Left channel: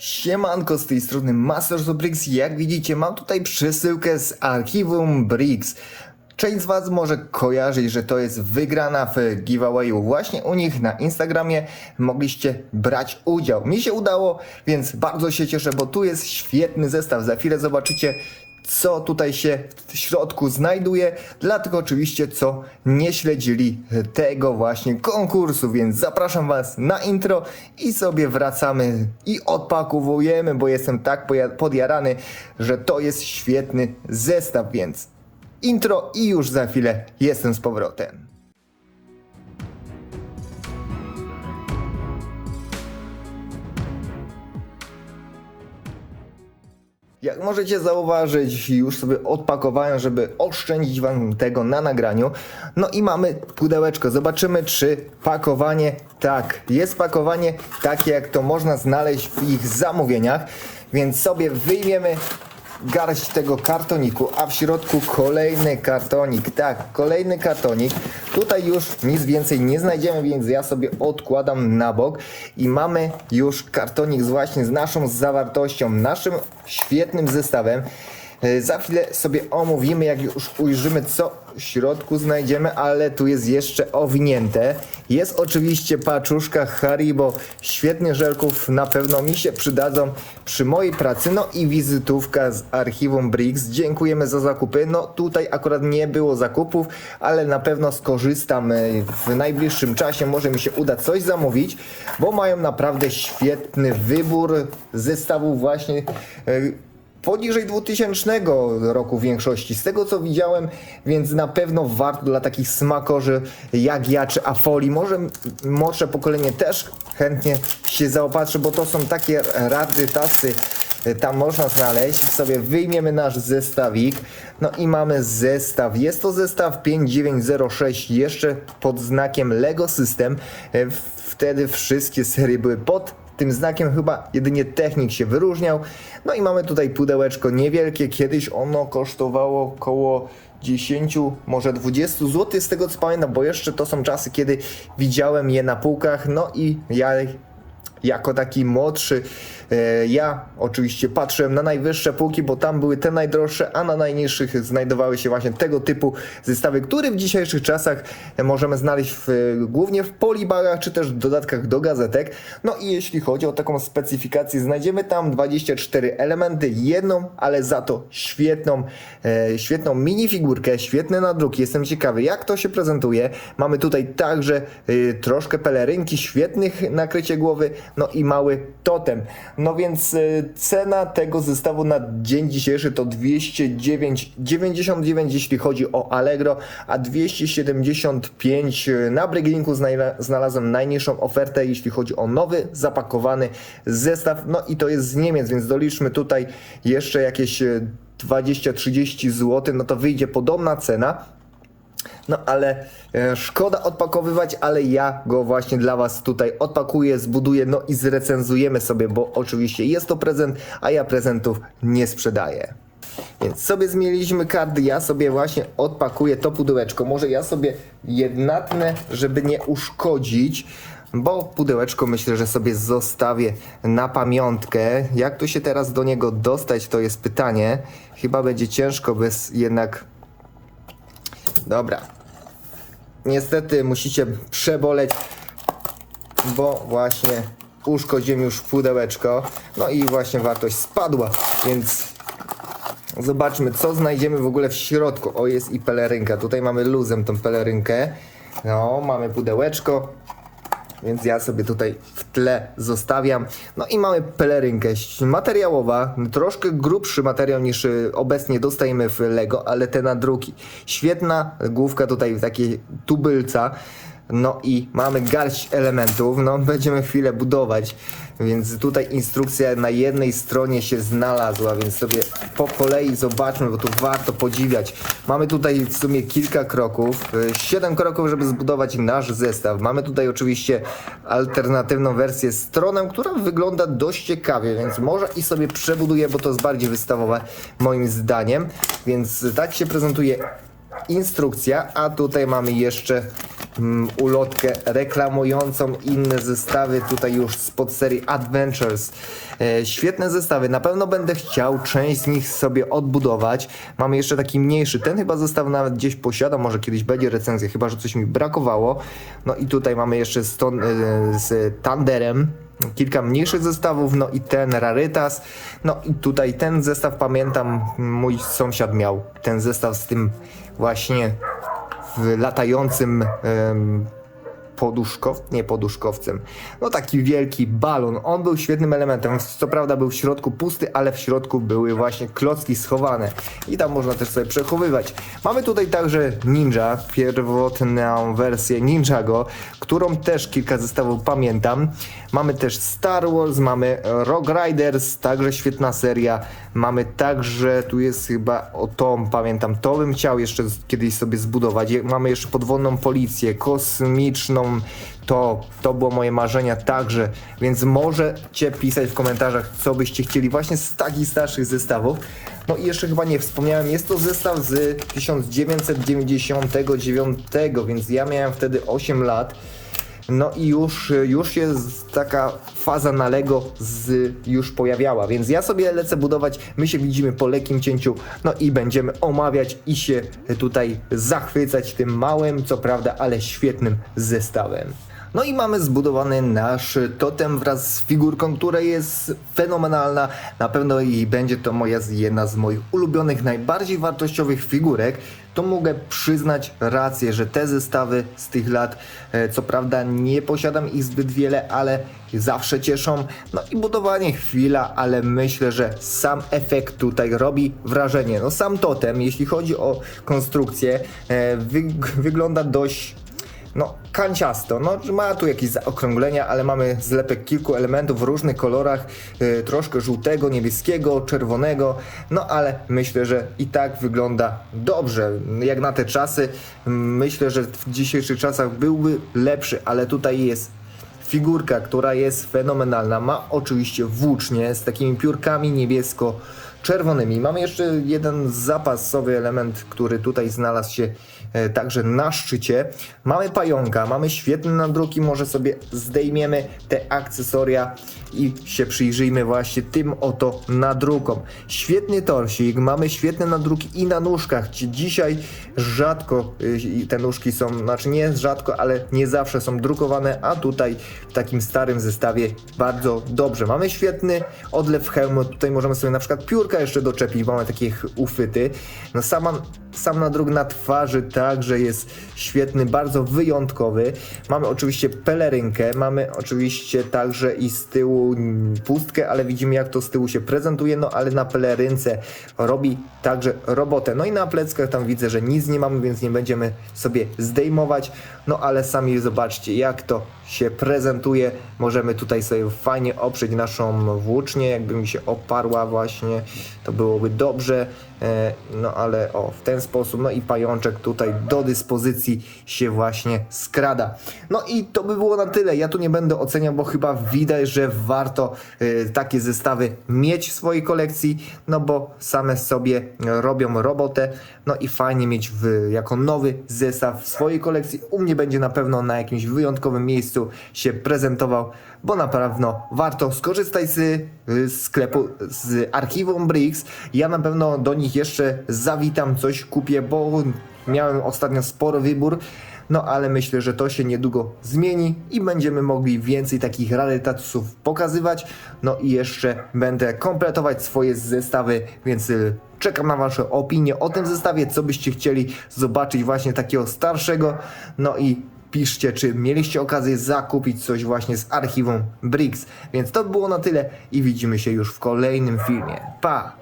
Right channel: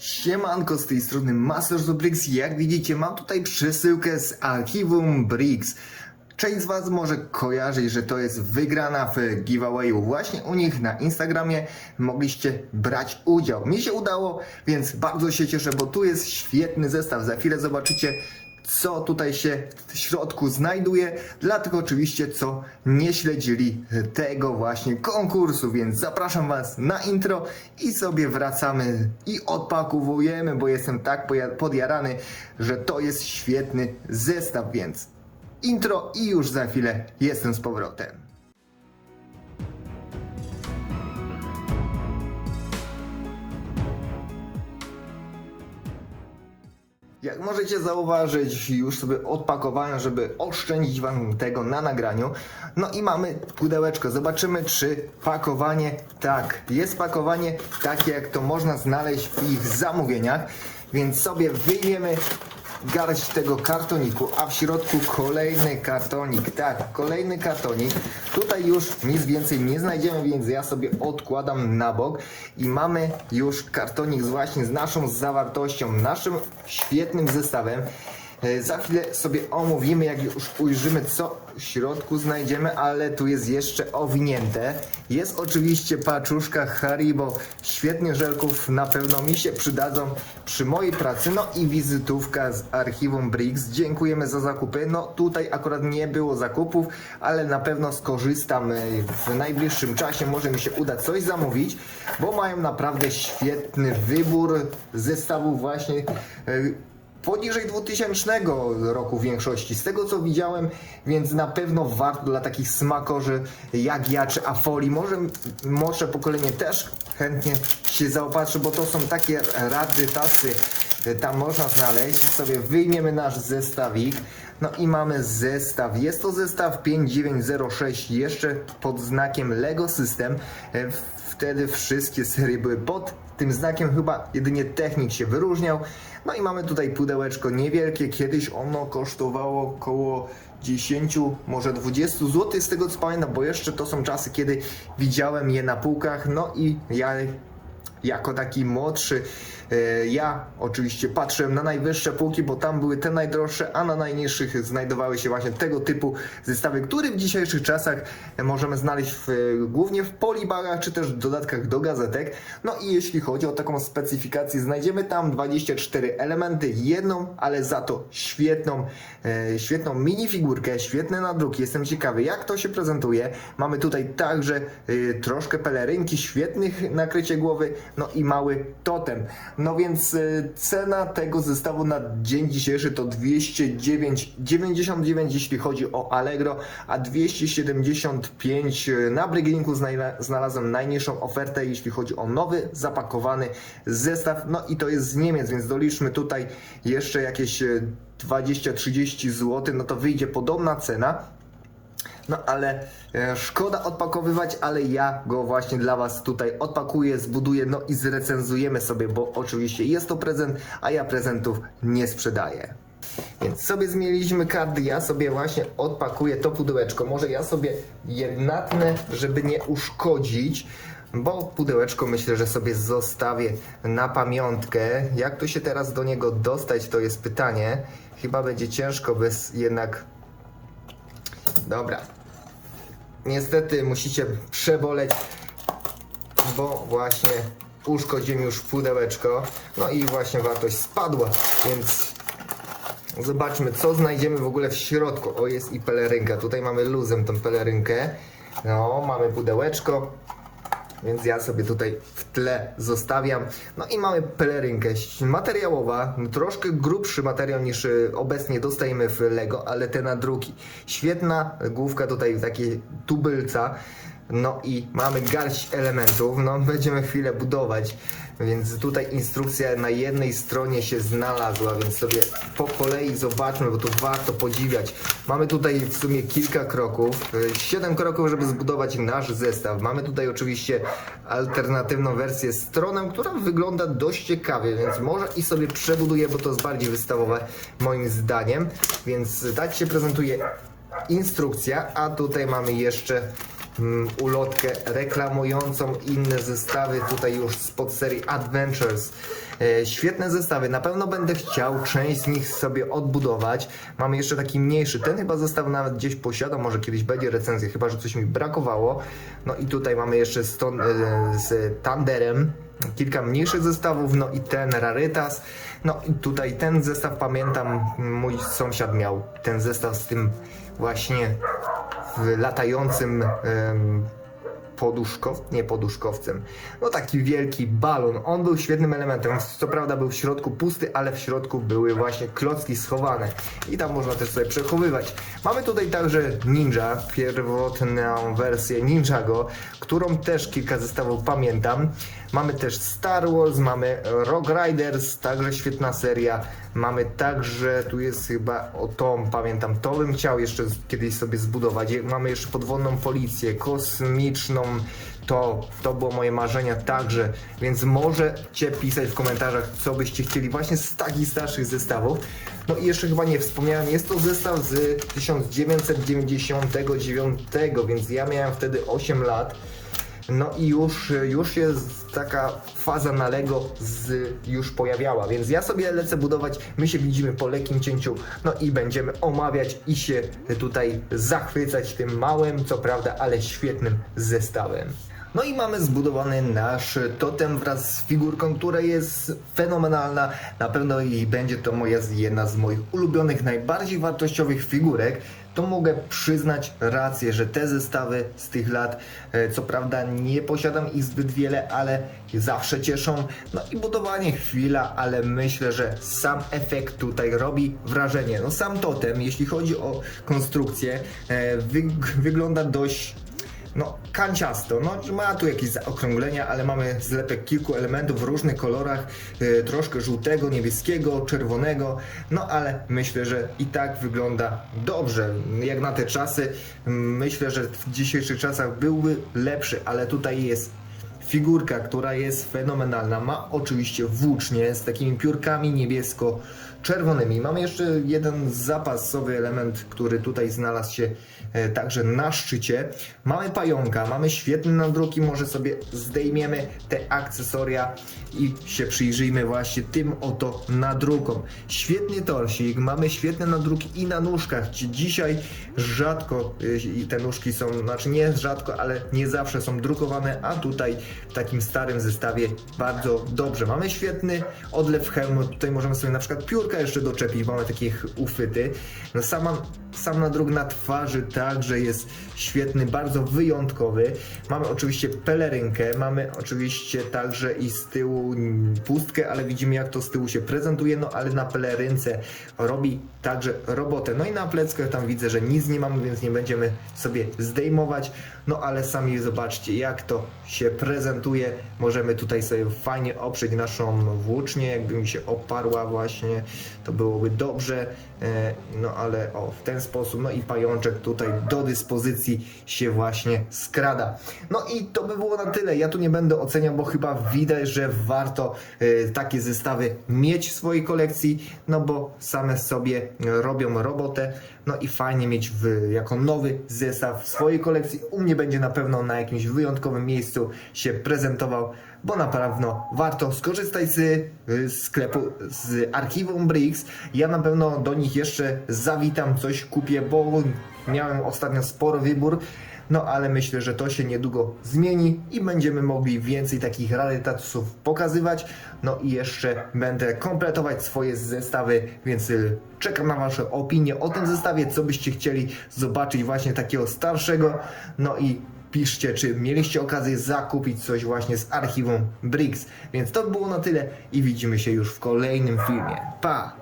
Siemanko, z tej strony Masters of Bricks. Jak widzicie, mam tutaj przesyłkę z archiwum Bricks. Część z Was może kojarzyć, że to jest wygrana w giveawayu właśnie u nich na Instagramie. Mogliście brać udział. Mi się udało, więc bardzo się cieszę, bo tu jest świetny zestaw. Za chwilę zobaczycie, co tutaj się w środku znajduje. Dlatego oczywiście, co nie śledzili tego właśnie konkursu, więc zapraszam Was na intro i sobie wracamy i odpakowujemy, bo jestem tak podjarany, że to jest świetny zestaw, więc intro i już za chwilę jestem z powrotem. Jak możecie zauważyć, już sobie odpakowałem, żeby oszczędzić wam tego na nagraniu. No i mamy pudełeczko. Zobaczymy, czy pakowanie tak. Jest pakowanie takie, jak to można znaleźć w ich zamówieniach. Więc sobie wyjmiemy garść tego kartoniku, a w środku kolejny kartonik. Tak, kolejny kartonik. Tutaj już nic więcej nie znajdziemy, więc ja sobie odkładam na bok i mamy już kartonik właśnie z naszą zawartością, naszym świetnym zestawem. E, Za chwilę sobie omówimy, jak już ujrzymy, co w środku znajdziemy, ale tu jest jeszcze owinięte. Jest oczywiście paczuszka Haribo, świetnie żelków, na pewno mi się przydadzą przy mojej pracy. No i wizytówka z archiwum Bricks. Dziękujemy za zakupy. No tutaj akurat nie było zakupów, ale na pewno skorzystam e, w najbliższym czasie. Może mi się uda coś zamówić, bo mają naprawdę świetny wybór zestawów właśnie e, poniżej 2000 roku w większości, z tego co widziałem, więc na pewno warto dla takich smakorzy jak ja czy Afoli, może może pokolenie też chętnie się zaopatrzy, bo to są takie rady tasy, y, tam można znaleźć, sobie wyjmiemy nasz zestawik, no i mamy zestaw, jest to zestaw 5906 jeszcze pod znakiem Lego System, Y, wtedy wszystkie serie były pod tym znakiem chyba jedynie technik się wyróżniał. No i mamy tutaj pudełeczko niewielkie. Kiedyś ono kosztowało około 10, może 20 zł z tego co pamiętam, bo jeszcze to są czasy, kiedy widziałem je na półkach. No i ja jako taki młodszy, ja oczywiście patrzyłem na najwyższe półki, bo tam były te najdroższe, a na najniższych znajdowały się właśnie tego typu zestawy, które w dzisiejszych czasach e, możemy znaleźć w, głównie w polibagach, czy też w dodatkach do gazetek. No i jeśli chodzi o taką specyfikację, znajdziemy tam 24 elementy, jedną, ale za to świetną, e, świetną minifigurkę, świetne nadruki. Jestem ciekawy, jak to się prezentuje. Mamy tutaj także e, troszkę pelerynki, świetnych nakrycie głowy, no i mały totem. No więc e, cena tego zestawu na dzień dzisiejszy to 209,99 jeśli chodzi o Allegro, a 275 na Brygglinku znajla- znalazłem najniższą ofertę jeśli chodzi o nowy, zapakowany zestaw. No i to jest z Niemiec, więc doliczmy tutaj jeszcze jakieś e, 20-30 zł, no to wyjdzie podobna cena. No ale e, szkoda odpakowywać, ale ja go właśnie dla Was tutaj odpakuję, zbuduję, no i zrecenzujemy sobie, bo oczywiście jest to prezent, a ja prezentów nie sprzedaję. Więc sobie zmieniliśmy karty, ja sobie właśnie odpakuję to pudełeczko. Może ja sobie jednatnę, żeby nie uszkodzić, bo pudełeczko myślę, że sobie zostawię na pamiątkę. Jak tu się teraz do niego dostać, to jest pytanie. Chyba będzie ciężko bez jednak Dobra. Niestety musicie przeboleć, bo właśnie uszkodziłem już pudełeczko. No i właśnie wartość spadła, więc zobaczmy co znajdziemy w ogóle w środku. O, jest i pelerynka. Tutaj mamy luzem tą pelerynkę. No, mamy pudełeczko. Więc ja sobie tutaj w tle zostawiam. No i mamy pelerynkę materiałowa, troszkę grubszy materiał niż y, obecnie dostajemy w Lego, ale te nadruki. Świetna główka tutaj w takiej tubylca. No i mamy garść elementów, no będziemy chwilę budować, więc tutaj instrukcja na jednej stronie się znalazła, więc sobie po kolei zobaczmy, bo tu warto podziwiać. Mamy tutaj w sumie kilka kroków, y, siedem kroków, żeby zbudować nasz zestaw. Mamy tutaj oczywiście alternatywną wersję stroną, która wygląda dość ciekawie, więc może i sobie przebuduję, bo to jest bardziej wystawowe moim zdaniem, więc tak się prezentuje instrukcja, a tutaj mamy jeszcze ulotkę reklamującą inne zestawy, tutaj już spod serii Adventures. E, świetne zestawy, na pewno będę chciał część z nich sobie odbudować. Mamy jeszcze taki mniejszy, ten chyba zestaw nawet gdzieś posiadam, może kiedyś będzie recenzja, chyba że coś mi brakowało. No i tutaj mamy jeszcze z, ton, e, z Thunderem kilka mniejszych zestawów, no i ten Rarytas. No i tutaj ten zestaw pamiętam, mój sąsiad miał ten zestaw z tym właśnie w latającym poduszkow... nie poduszkowcem, no taki wielki balon. On był świetnym elementem. Co prawda był w środku pusty, ale w środku były właśnie klocki schowane i tam można też sobie przechowywać. Mamy tutaj także Ninja, pierwotną wersję Ninjago, którą też kilka zestawów pamiętam. Mamy też Star Wars, mamy Rock Riders, także świetna seria. Mamy także, tu jest chyba o tą, pamiętam, to bym chciał jeszcze kiedyś sobie zbudować. Mamy jeszcze podwodną policję, kosmiczną, to, to było moje marzenia także, więc możecie pisać w komentarzach, co byście chcieli właśnie z takich starszych zestawów. No i jeszcze chyba nie wspomniałem, jest to zestaw z 1999, więc ja miałem wtedy 8 lat. No i już, już z- taka faza na Lego z, już pojawiała, więc ja sobie lecę budować, my się widzimy po lekkim cięciu, no i będziemy omawiać i się tutaj zachwycać tym małym, co prawda, ale świetnym zestawem. No i mamy zbudowany nasz totem wraz z figurką, która jest fenomenalna. Na pewno i będzie to moja jedna z moich ulubionych, najbardziej wartościowych figurek. To mogę przyznać rację, że te zestawy z tych lat, e, co prawda nie posiadam ich zbyt wiele, ale zawsze cieszą. No i budowanie chwila, ale myślę, że sam efekt tutaj robi wrażenie. No sam totem, jeśli chodzi o konstrukcję, e, wyg- wygląda dość no, kanciasto. No, ma tu jakieś zaokrąglenia, ale mamy zlepek kilku elementów w różnych kolorach, y, troszkę żółtego, niebieskiego, czerwonego, no ale myślę, że i tak wygląda dobrze. Jak na te czasy, myślę, że w dzisiejszych czasach byłby lepszy, ale tutaj jest figurka, która jest fenomenalna. Ma oczywiście włócznie z takimi piórkami niebiesko-czerwonymi. Mamy jeszcze jeden zapasowy element, który tutaj znalazł się e, także na szczycie. Mamy pająka, mamy świetne nadruki, może sobie zdejmiemy te akcesoria i się przyjrzyjmy właśnie tym oto nadrukom. Świetny torsik, mamy świetne nadruki i na nóżkach. Dzisiaj rzadko y, te nóżki są, znaczy nie rzadko, ale nie zawsze są drukowane, a tutaj w takim starym zestawie bardzo dobrze. Mamy świetny odlew hełmu, tutaj możemy sobie na przykład piórka jeszcze doczepić, mamy takie ch- uchwyty. No sama, sam nadruk na twarzy także jest świetny, bardzo wyjątkowy. Mamy oczywiście pelerynkę, mamy oczywiście także i z tyłu pustkę, ale widzimy jak to z tyłu się prezentuje, no ale na pelerynce robi także robotę. No i na pleckach tam widzę, że nic nie mamy, więc nie będziemy sobie zdejmować. No ale sami zobaczcie jak to się prezentuje. Możemy tutaj sobie fajnie oprzeć naszą włócznię, jakby mi się oparła właśnie, to byłoby dobrze. E, No ale o, w ten sposób, no i pajączek tutaj do dyspozycji się właśnie skrada. No i to by było na tyle. Ja tu nie będę oceniał, bo chyba widać, że warto e, takie zestawy mieć w swojej kolekcji, no bo same sobie robią robotę. No i fajnie mieć w, jako nowy zestaw w swojej kolekcji. U mnie będzie na pewno na jakimś wyjątkowym miejscu się prezentował bo na pewno warto skorzystać z sklepu, z archiwum Bricks. Ja na pewno do nich jeszcze zawitam, coś kupię, bo miałem ostatnio spory wybór. No ale myślę, że to się niedługo zmieni i będziemy mogli więcej takich rarytasów pokazywać. No i jeszcze będę kompletować swoje zestawy, więc y, czekam na Wasze opinie o tym zestawie, co byście chcieli zobaczyć właśnie takiego starszego. No i piszcie, czy mieliście okazję zakupić coś właśnie z archiwum Bricks. Więc to by było na tyle i widzimy się już w kolejnym filmie. Pa!